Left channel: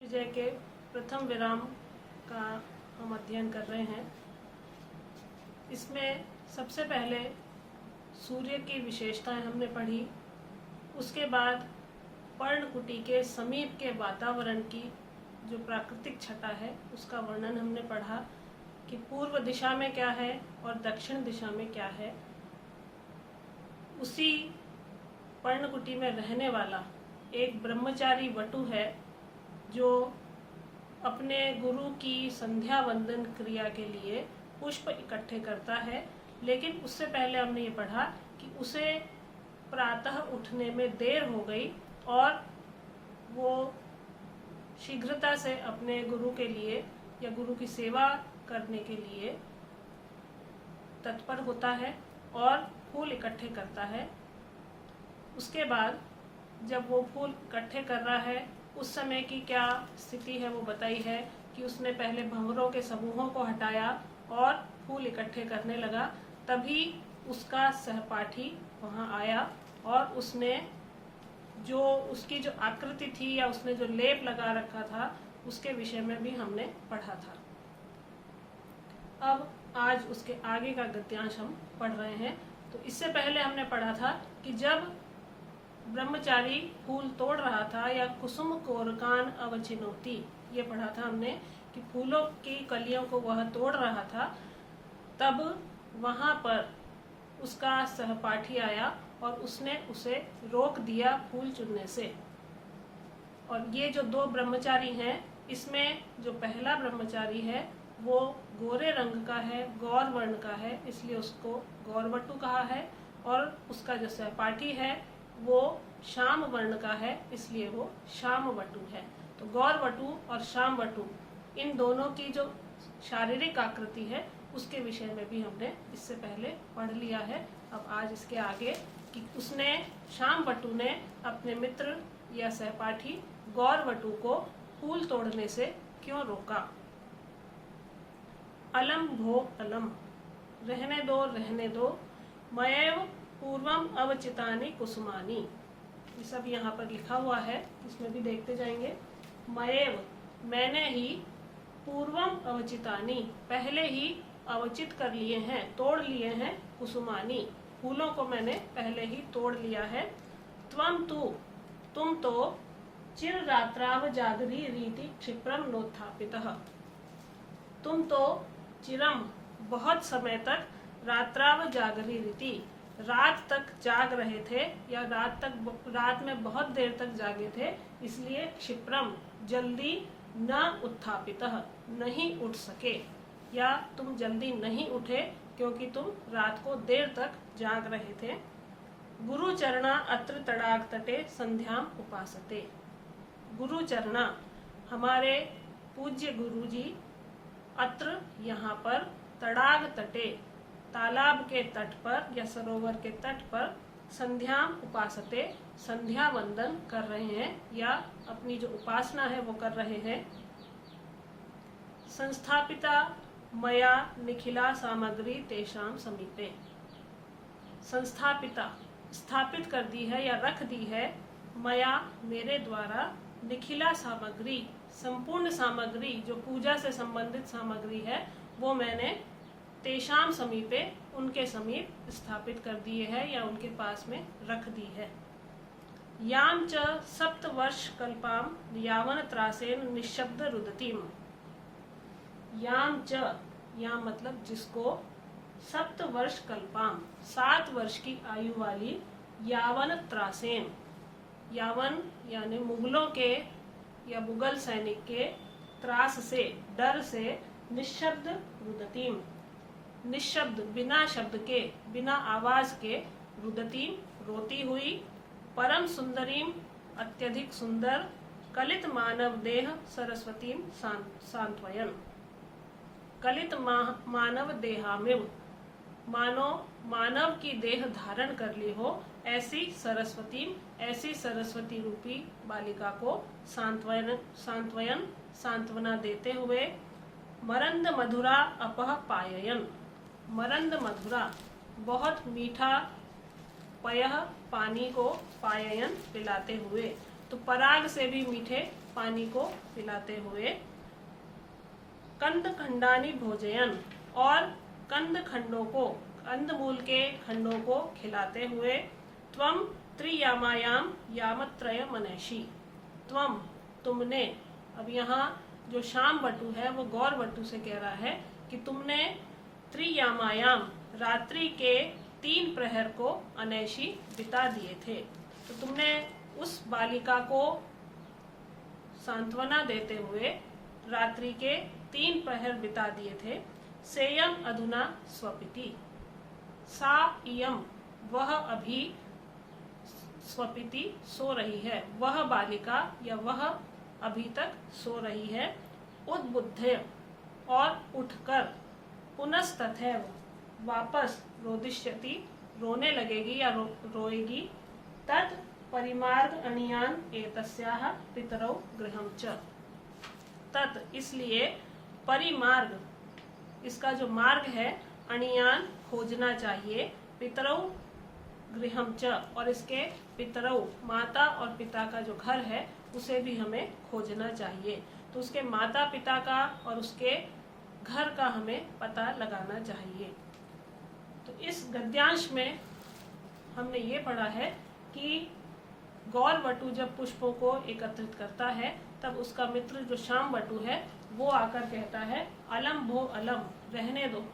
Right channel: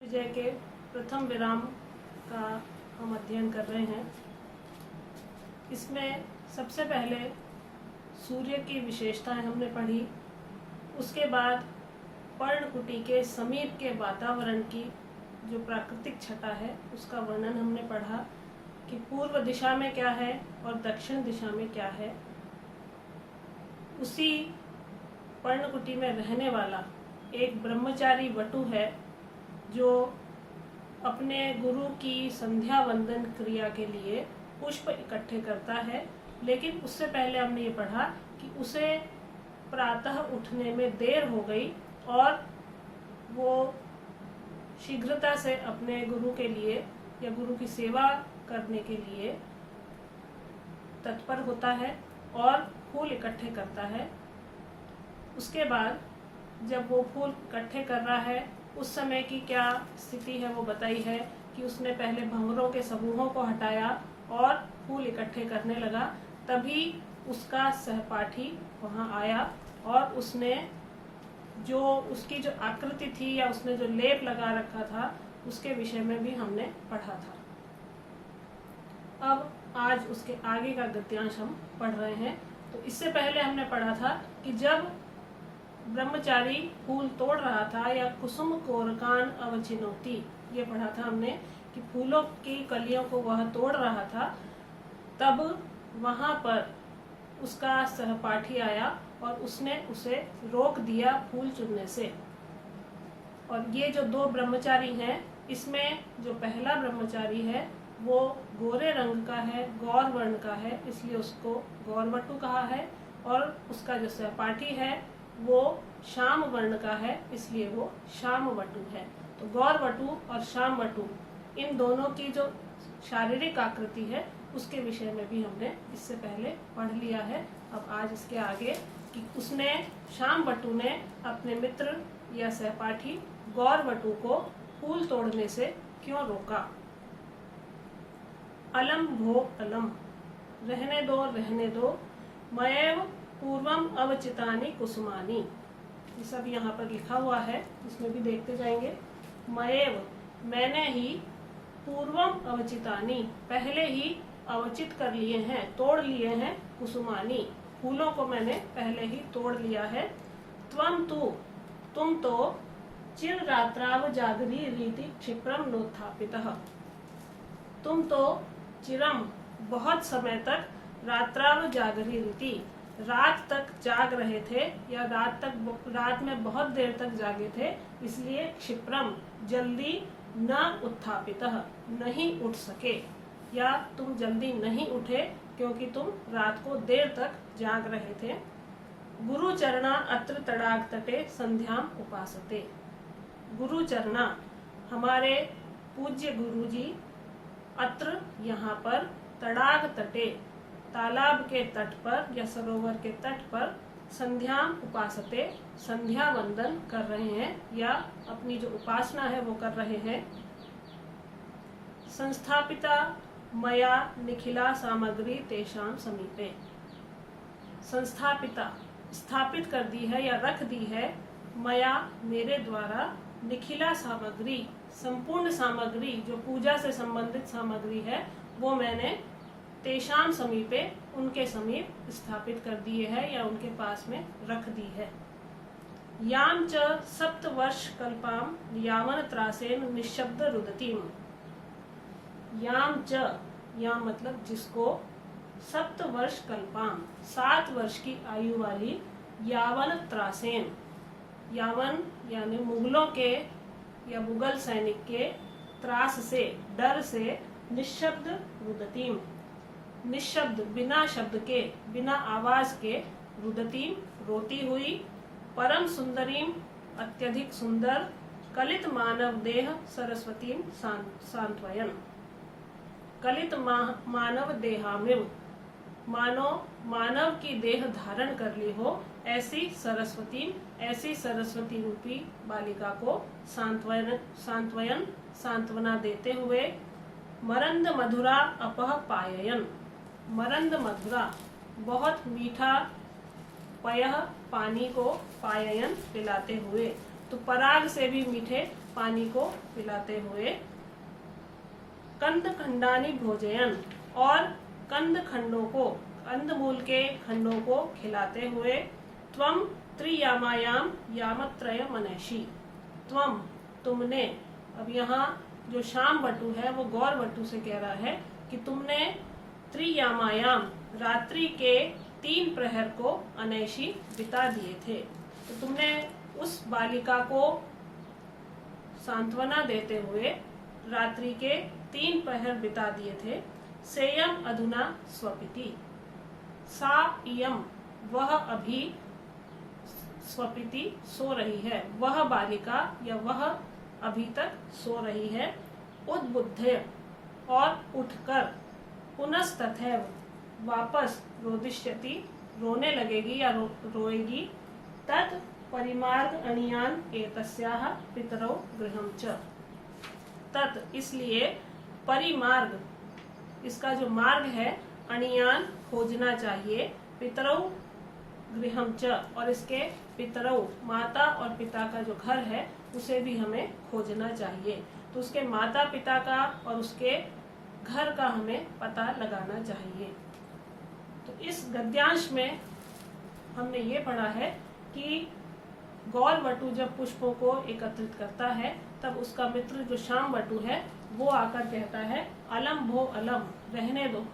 विजय के प्रथम विराम का हम अध्ययन कर रहे हैं। इसमें सबसे पहले सूर्य की विशेषताएं हमने पढ़ी। उसके बाद पर्णकुटी के समीप के वातावरण की जो प्राकृतिक छटा है उसका वर्णन हमने पढ़ा कि पूर्व दिशा में क्या है और दक्षिण दिशा में क्या है। उसी पर्णकुटी में रहने वाला एक ब्रह्मचारी वटु है जो अपने गुरु की संध्या वंदन क्रिया के लिए पुष्प इकट्ठे करता है, लेकिन उससे पहले हमने ये पढ़ा कि उसे प्रातः उठने में देर हो गई और वो शीघ्रता से अपने गुरु के लिए या गुरु की सेवा करने के लिए तत्पर होता है और फूल इकट्ठे करता है। उसके बाद जब वो फूल इकट्ठे कर रहा है उस समय की क्या स्थिति है वो बताई है कि उसने पहले भंवरों के समूहों को हटाया और फूल इकट्ठे करने लगा। तभी उसका सहपाठी वहां आया और उसने जो उसकी जो आकृति थी या उसने जो लेप लगा रखा था उसके विषय में भी हमने पढ़ा था। अब आज उसके आगे का गद्यांश हम पढ़ रहे हैं। तो इससे पहले हमने पढ़ा था कि जब ब्रह्मचारी फूल तोड़ रहा था या कुसुम कोरकान अवचिनोती, ये पढ़ा था हमने कि फूलों की कलियों को वह तोड़ रहा था, तब वहां पर उसका सहपाठी आया और उसने उसे रोक दिया फूल चुनने से। और ये जो दो ब्रह्मचारी हैं, इसमें जो पहला ब्रह्मचारी है वो गोरे रंग का है, गौर वर्ण का है, इसलिए उसको गौरवटु कहा है। और उसका जो सहपाठी है वो श्याम वर्ण का है, इसलिए वो श्यामवटु है। तो गौरवटु और श्यामवटु इन दोनों की जो शारीरिक आकृति है उसके विषय में भी हमने इससे पहले पढ़ लिया है। अब आज इसके आगे कि उसने श्यामवटु ने अपने मित्र या सहपाठी गौरवटु को फूल तोड़ने से क्यों रोका। अलम भो अलम, रहने दो, मयैव पूर्वम अवचितानि कुसुमानि, ये सब यहाँ पर लिखा हुआ है, इसमें भी देखते जाएंगे। मयैव, मैंने ही, पूर्वम अवचितानि, पहले ही अवचित कर लिए हैं, तोड़ लिए हैं, कुसुमानि, फूलों को मैंने पहले ही तोड़ लिया है। त्वम तु, तुम तो, चिर रात्राव जागरी रीति क्षिप्रम नोत्थापितः, तुम तो चिरम, बहुत समय तक, रात्राव जागरी रीति, रात तक जाग रहे थे या रात में बहुत देर तक जागे थे, इसलिए क्षिप्रम, जल्दी, न उत्थापितः, नहीं उठ सके, या तुम जल्दी नहीं उठे क्योंकि तुम रात को देर तक जाग रहे थे। गुरु चरणा अत्र तड़ाग तटे संध्याम उपासते, गुरु चरणा, हमारे पूज्य गुरु जी, अत्र, यहाँ पर, तड़ाग तटे, तालाब के तट पर या सरोवर के तट पर, संध्याम उपासते, संध्या वंदन कर रहे हैं या अपनी जो उपासना है वो कर रहे हैं। संस्थापिता मया निखिला सामग्री तेषाम समीपे, संस्थापिता, स्थापित कर दी है या रख दी है, मया, मेरे द्वारा, निखिला सामग्री, संपूर्ण सामग्री जो पूजा से संबंधित सामग्री है वो मैंने तेषाम समीपे, उनके समीप स्थापित कर दिए है या उनके पास में रख दी है। याम च सप्तवर्ष कल्पाम यावन त्रासेन निशब्द रुदतीम, याम च, याम मतलब जिसको, सप्तवर्ष कल्पाम, 7 वर्ष की आयु वाली, यावन त्रासेन, यावन यानी मुगलों के या मुगल सैनिक के, त्रास से, डर से, निशब्द रुदतीम, निशब्द, बिना शब्द के, बिना आवाज के, रुदतीम, रोती हुई, परम सुंदरीम, अत्यधिक सुंदर, कलित मानव देह सरस्वतीम सांत्वयन, कलित मानव देहामिव, मानो मानव की देह धारण कर ली हो ऐसी सरस्वती, ऐसी सरस्वती रूपी बालिका को सांत्वयन, सांत्वना देते हुए, मरंद मधुरा अपह पाययन, मरंद मधुरा, बहुत मीठा, पयः, पानी को, पाययन, पिलाते हुए, तो पराग से भी मीठे पानी को पिलाते हुए। कंद खंडानी भोजयन, और कंद खंडों को, कंदमूल के खंडों को खिलाते हुए। त्वम त्रियामायाम यामत्रय मनैषी, त्वम तुमने, अब यहाँ जो शाम वटु है वो गौर वटु से कह रहा है कि तुमने त्रियामायाम रात्रि के 3 प्रहर को अनैषी बिता दिए थे। तो तुमने उस बालिका को सांत्वना देते हुए रात्रि के 3 प्रहर बिता दिए थे। सेयम अधुना स्वपिति, सा इयम वह अभी, स्वपिति सो रही है, वह बालिका या वह अभी तक सो रही है। उद्बुद्ध और उठकर, पुनस्तथैव वापस, रोदिष्यति रोने लगेगी या रोएगी। तत् परिमार्ग अणियान एतस्याः पितरौ गृहं च, तत् इसलिए, परिमार्ग इसका जो मार्ग है, अणियान खोजना चाहिए, पितरौ गृहं च और इसके पितरौ माता और पिता का जो घर है उसे भी हमें खोजना चाहिए। तो उसके माता पिता का और उसके घर का हमें पता लगाना चाहिए। तो इस गद्यांश में हमने ये पढ़ा है कि गौर वटु जब पुष्पों को एकत्रित करता है तब उसका मित्र जो शाम वटु है वो आकर कहता है अलम भो अलम, रहने दो,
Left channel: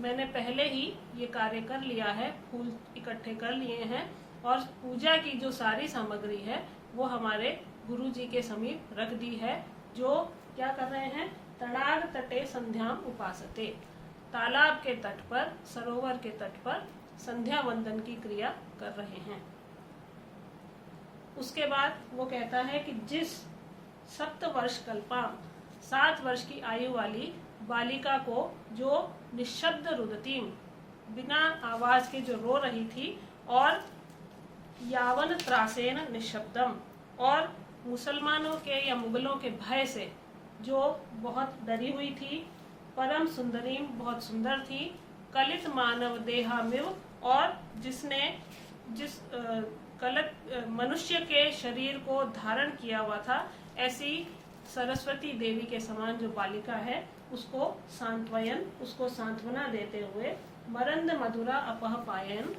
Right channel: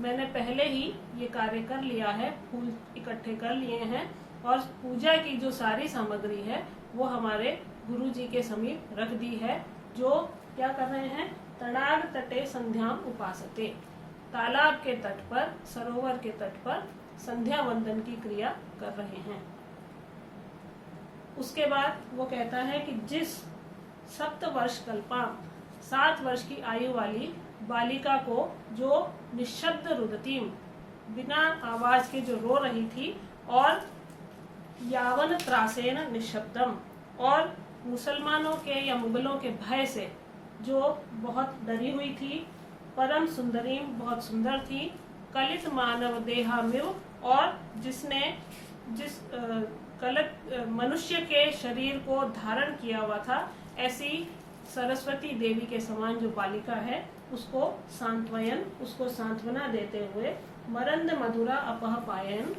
मैंने पहले ही ये कार्य कर लिया है, फूल इकट्ठे कर लिए हैं और पूजा की जो सारी सामग्री है वो हमारे गुरु जी के समीप रख दी है, जो क्या कर रहे हैं, तड़ाग तटे संध्याम उपासते, तालाब के तट पर, सरोवर के तट पर संध्या वंदन की क्रिया कर रहे हैं। उसके बाद वो कहता है कि जिस 7 वर्ष कल्पा, 7 वर्ष की आयु वाली बालिका को, जो निशब्द रुदतीम, बिना आवाज के जो रो रही थी, और यावन त्रासेन निशब्दम, और मुसलमानों के या मुगलों के भय से जो बहुत डरी हुई थी, परम सुंदरीम बहुत सुंदर थी, कलित मानव देहामिव, और जिसने मनुष्य के शरीर को धारण किया हुआ था, ऐसी सरस्वती देवी के समान जो बालिका है उसको सांत्वयन, उसको सांत्वना देते हुए। मरंद मधुरा अपह पायन,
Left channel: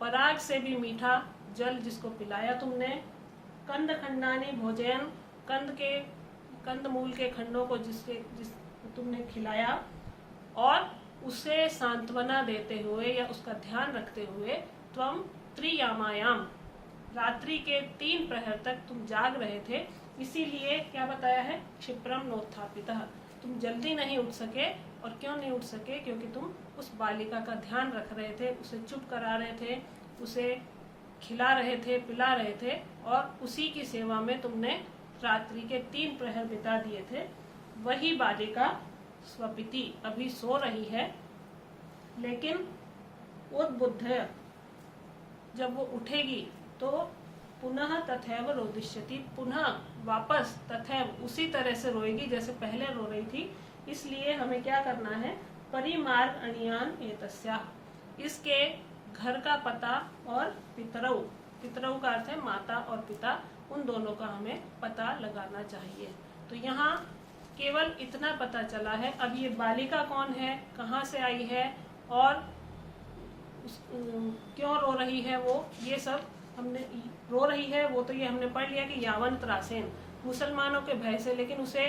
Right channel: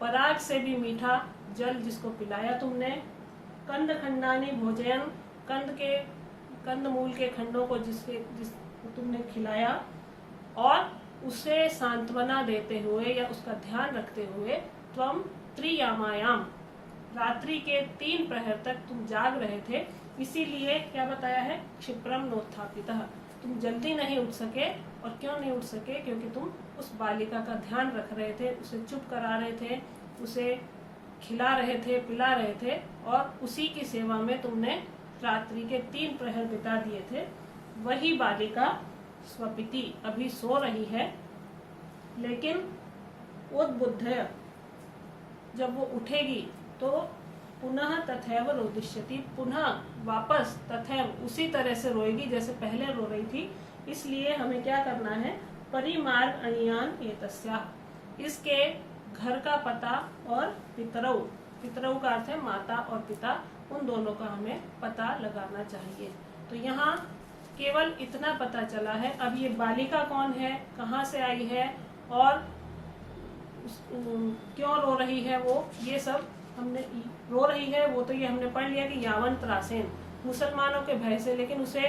पराग से भी मीठा जल जिसको पिलाया तुमने। कंद खंडानी भोजयन, कंदमूल के खंडों को जिसको तुमने खिलाया, और उसे सांत्वना देते हुए या उसका ध्यान रखते हुए। त्वम त्रियामायाम, रात्रि के 3 प्रहर तक तुम जाग रहे थे, इसीलिए क्या बताया है, क्षिप्रम नोत्थापितः, तुम जल्दी नहीं उठ सके। और क्यों नहीं उठ सके, क्योंकि तुम उस बालिका का ध्यान रख रहे थे, उसे चुप करा रहे थे, उसे खिला रहे थे, पिला रहे थे, और उसी की सेवा में तुमने रात्रि के 3 प्रहर बिता दिए थे। वही बालिका स्वपिति अभी सो रही है, लेकिन उद्बुद्ध जब वो उठेगी तो पुनः तथैव रोदिष्यति, पुनः वापस तथैव उसी तरह से रोएगी जैसे पहले रो रही थी। इसलिए हमें क्या करना है, परिमार्ग अणियान एतस्या, इसके घर का पता, और पितरौ, पितरौ का अर्थ है माता और पिता, उन दोनों का हमें पता लगाना चाहिए। तो यहाँ केवल इतना पता चला है। अब ये बालिका कौन है, कहाँ से आई है, और क्यों रो रही है, वो ये सब हमने, रो रही है वो तो ये हमने पढ़ लिया कि यावन त्रासेन, मुसलमानों के भय से, लेकिन उसे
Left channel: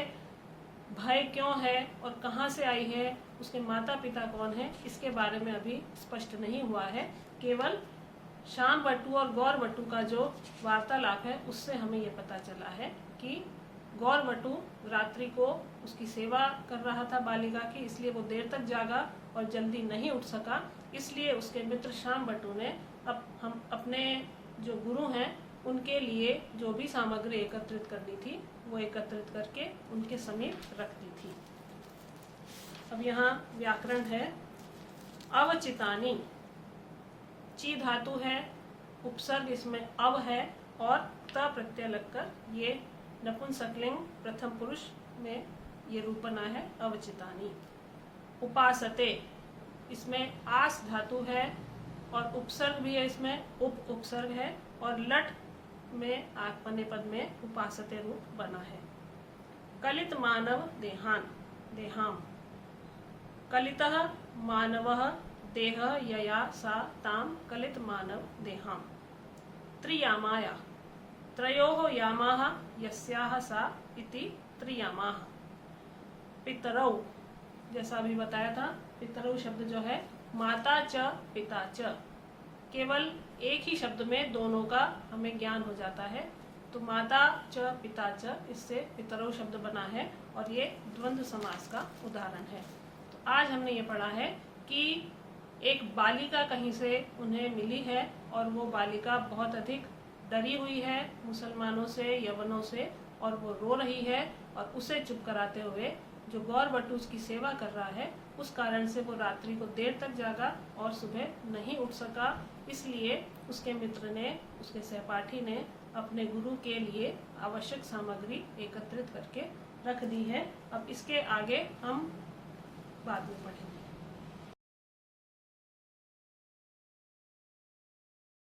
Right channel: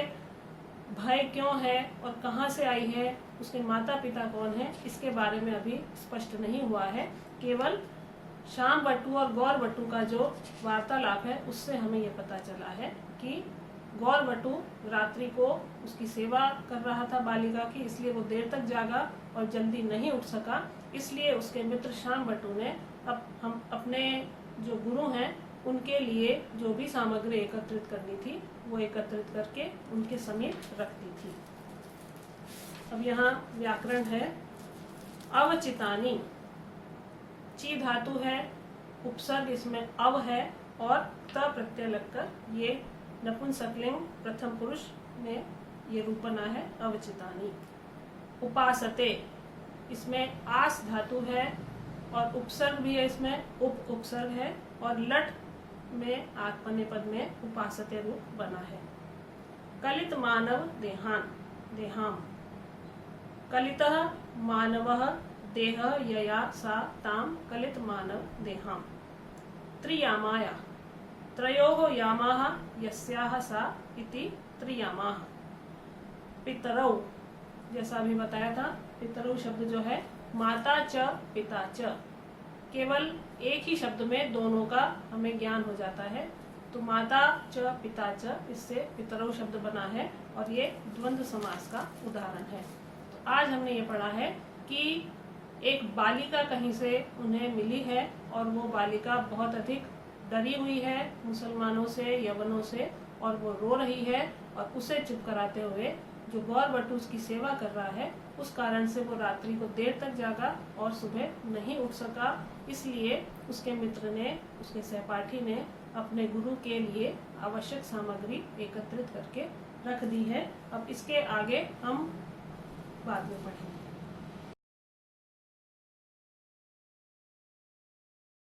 भय क्यों है और कहाँ से आई है, उसके माता पिता कौन है, इसके बारे में अभी स्पष्ट नहीं हुआ है। केवल शाम वटु और गौर वटु का जो वार्तालाप है उससे हमें ये पता चला है कि गौर वटु रात्रि को उसकी सेवा कर रहा था बालिका की, इसलिए वो देर तक जागा और जल्दी नहीं उठ सका। इसलिए उसके मित्र शाम वटु ने हम अपने जो गुरु हैं उनके लिए जो भी सामग्री एकत्रित करनी थी वो एकत्रित करके उनके समीप रख दी थी। अब यहाँ व्याकरण है, अवचितानी, ची धातु है, उपसर्ग इसमें अव है, और त प्रत्यय लगकर ये नपुंसकलिंग प्रथम पुरुष में ये रूप बना है, अवचितानी। उपासते, इसमें आस धातु है और उपसर्ग भी है, इसमें उपसर्ग है, और लट में आत्मने पद में उपासते रूप बना है। कलित मानव देहान देहाम, कलितः मानवः देह यया सा ताम कलित मानव देहाम। त्रियामाया, त्रयोः यामाः यस्याः सा इति त्रियामाः। पितरौ, जैसा अभी बताया था, पितरौ शब्द जो है माता च पिता च, केवल एक ही शब्द में दोनों का हमें ज्ञान हो जाता है। तो माता च पिता च, इससे पितरौ शब्द बना है और ये द्वंद्व समास का उदाहरण है। तो आज हमने ये पढ़ा है कि एक बालिका कहीं से उन्हें मिली है और वो बालिका बहुत अधिक डरी हुई है मुसलमानों से, यवनों से, और वो रो रही है और उसे चुप कराते हुए जो गौरभट्ट उसकी सेवा कर रहा है, उस कारण से वो रात्रि को देर तक जागा और सुबह नहीं उठ सका। इसलिए उसके मित्र ने, उसके सहपाठी ने अपने गुरु के लिए आवश्यक सामग्री एकत्रित करके रख दी है। अब इसके आगे हम बाद में पढ़ेंगे।